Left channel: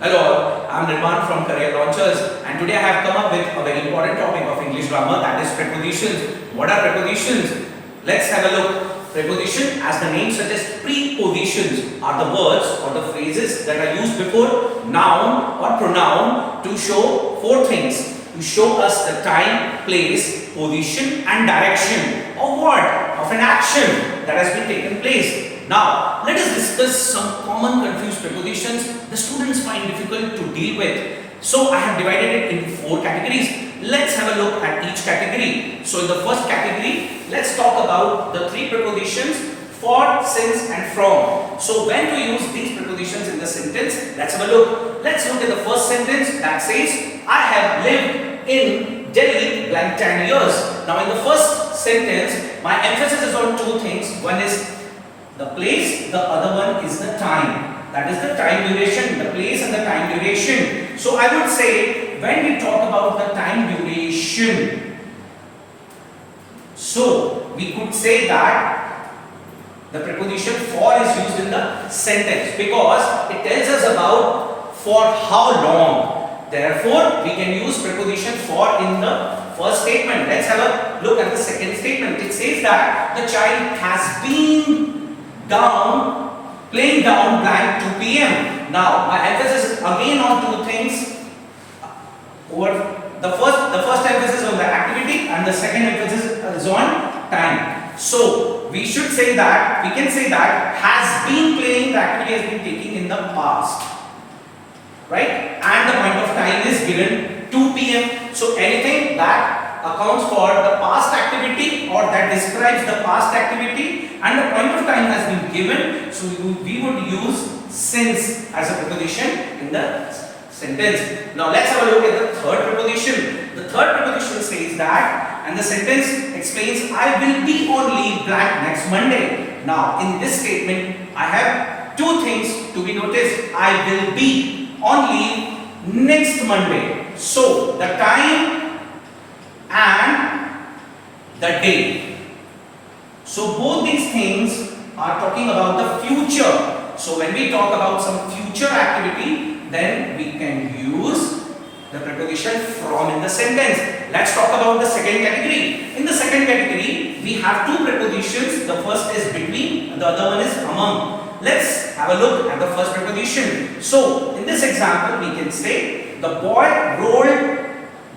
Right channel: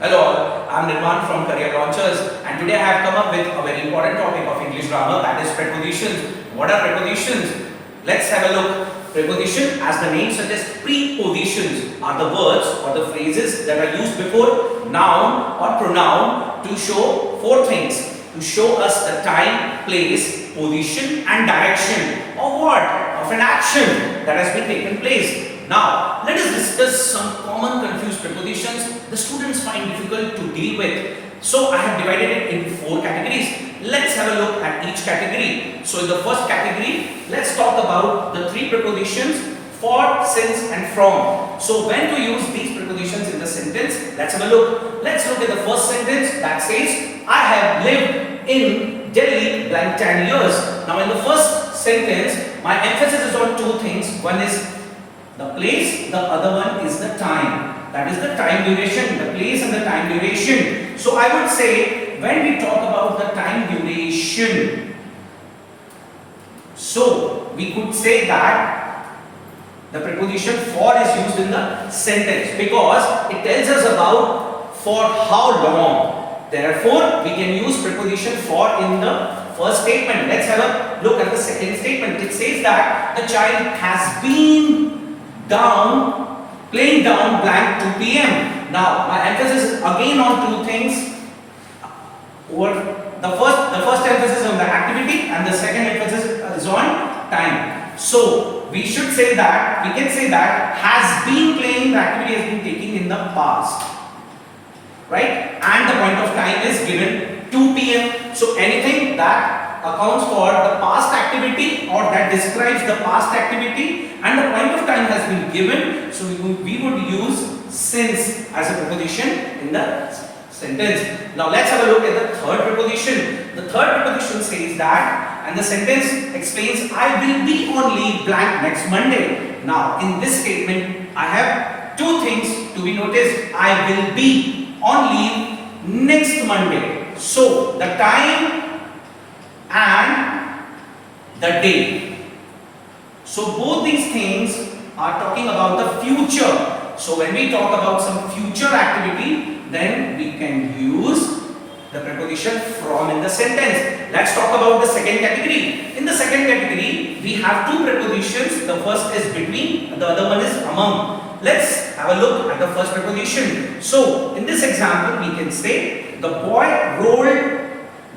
Hello all, I am Nirvan from Career Launchers, and today I have come up with a very important topic of English grammar, that is prepositions. What are prepositions? Let's have a look. Preposition, as the name suggests, prepositions are the words or the phrases that are used before noun or pronoun to show four things. To show us the time, place, position and direction of what? Of an action that has been taken place. Now, let us discuss some common confused prepositions the students find difficult to deal with. So, I have divided it into four categories. Let's have a look at each category. So, in the first category, let's talk about the three prepositions for, since and from. So, when to use these prepositions in the sentence? Let's have a look. Let's look at the first sentence that says, I have lived in Delhi blank 10 years. Now, in the first sentence, my emphasis is on two things. One is the place, the other one is the time. That is the time duration, the place and the time duration. So I would say when we talk about the time duration, so we could say that the preposition for is used in the sentence because it tells us about for how long. Therefore, we can use preposition for in the first statement. Let's have a look at the second statement. It says that the child has been playing down blank 2 p.m. Now, my emphasis is again on two things. The first emphasis on the activity and the second emphasis is on time. So, we should say that, we can say that has been playing, the activity has been taking in the past. Right? And the point of time is given 2 p.m. So, anything that accounts for the past activity or that describes the past activity and the point of time has been given, so we would use since as a preposition in the sentence. Now let's have a look at the third preposition. The third preposition says that, and the sentence explains, I will be on leave blank next Monday. Now in this statement, I have two things to be noticed. I will be on leave next Monday. So the time and the day. So both these things are talking about the future. So when we talk about some future activity, then we can use the preposition from in the sentence. Let's talk about the second category. In the second category, we have two prepositions. The first is between and the other one is among. Let's have a look at the first preposition. So in this example, we can say the boy rolled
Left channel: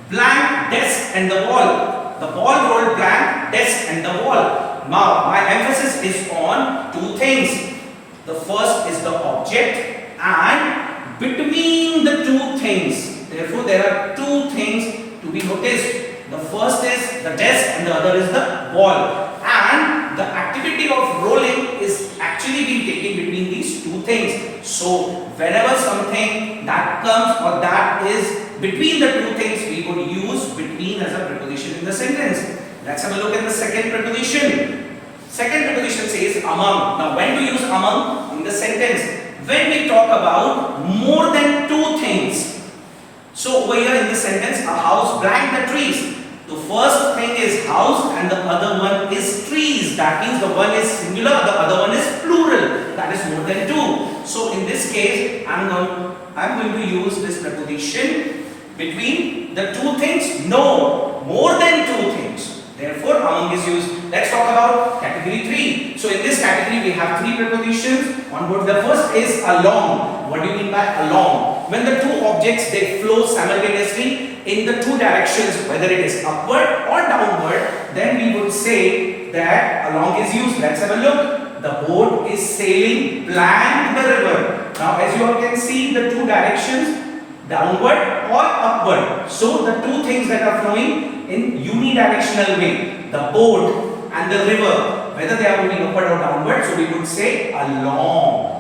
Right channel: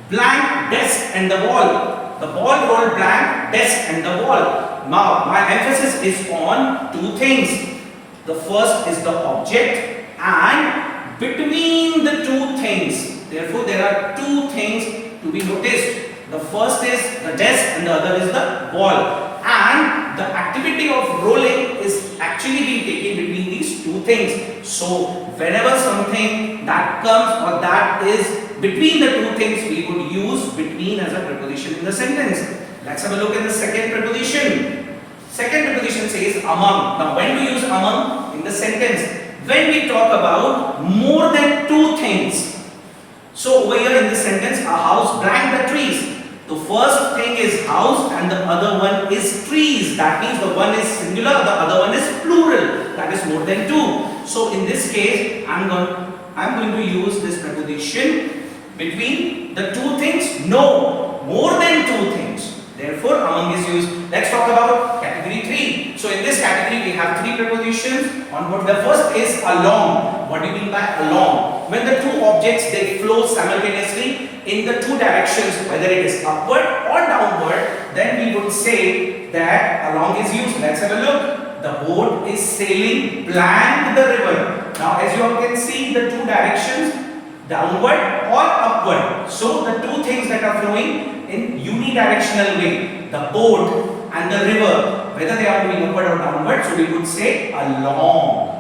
blank desk and the wall. The ball rolled blank desk and the wall. Now, my emphasis is on two things. The first is the object and between the two things. Therefore, there are two things to be noticed. The first is the desk and the other is the wall. And the activity of rolling is actually being taken between these two things. So, whenever something that comes or that is between the two things, we would use between as a preposition in the sentence. Let's have a look at the second preposition. Second preposition says among. Now, when to use among in the sentence? When we talk about more than two things. So, over here in this sentence, a house blank the trees. The first thing is house and the other one is trees. That means the one is singular, the other one is plural. That is more than two. So, in this case, I'm going to use this preposition between the two things. No, more than two things. Therefore, among is used. Let's talk about category 3. So, in this category, we have three prepositions on board. The first is along. What do you mean by along? When the two objects, they flow simultaneously in the two directions, whether it is upward or downward, then we would say that along is used. Let's have a look. The boat is sailing blank the river. Now, as you all can see, the two directions, downward or upward. So, the two things that are flowing in unidirectional way, the boat and the river, whether they are moving upward or downward, so we would say along.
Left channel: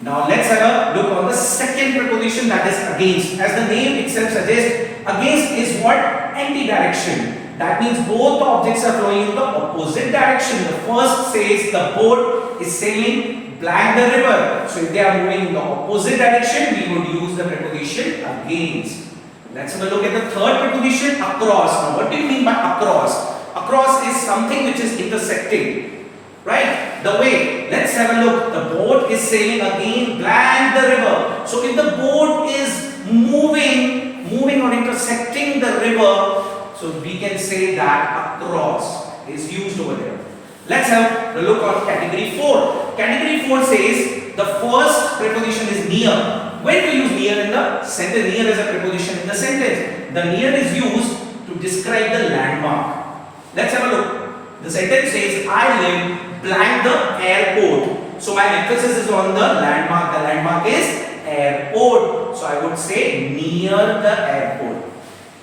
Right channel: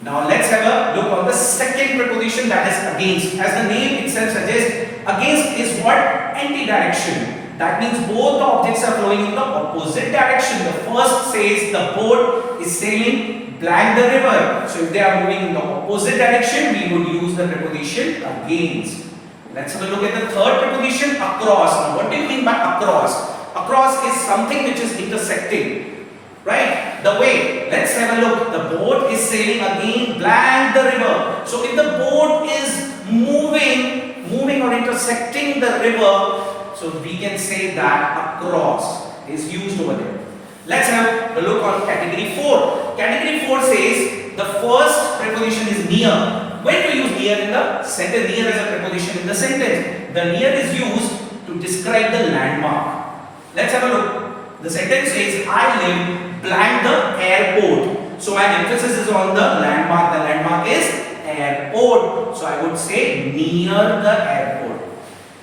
Now, let's have a look on the second preposition, that is against. As the name itself suggests, against is what? Anti-direction. That means both the objects are flowing in the opposite direction. The first says the boat is sailing blank the river. So, if they are moving in the opposite direction, we would use the preposition against. Let's have a look at the third preposition, across. Now, what do you mean by across? Across is something which is intersecting, right? the way. Let's have a look. The boat is sailing again blank the river. So if the boat is moving or intersecting the river, so we can say that across is used over there. Let's have a look on category 4. Category 4 says the first preposition is near. When to use near in the sentence? Near is a preposition in the sentence. The near is used to describe the landmark. Let's have a look. The sentence says, I live blank the airport. So my emphasis is on the landmark. The landmark is airport. So I would say near the airport.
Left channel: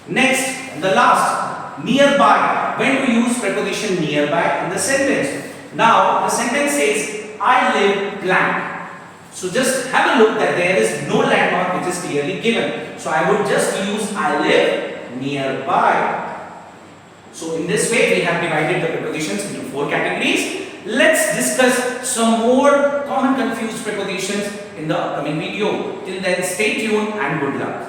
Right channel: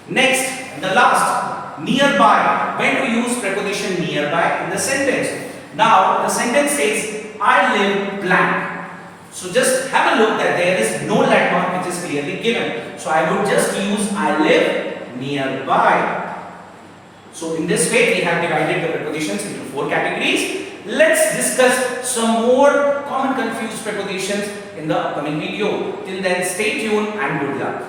Next, the last, nearby. When to use preposition nearby in the sentence? Now the sentence says, I live blank. So just have a look that there is no landmark which is clearly given. So I would just use I live nearby. So in this way we have divided the prepositions into 4 categories. Let's discuss some more common confused prepositions in the upcoming video. Till then, stay tuned and good luck.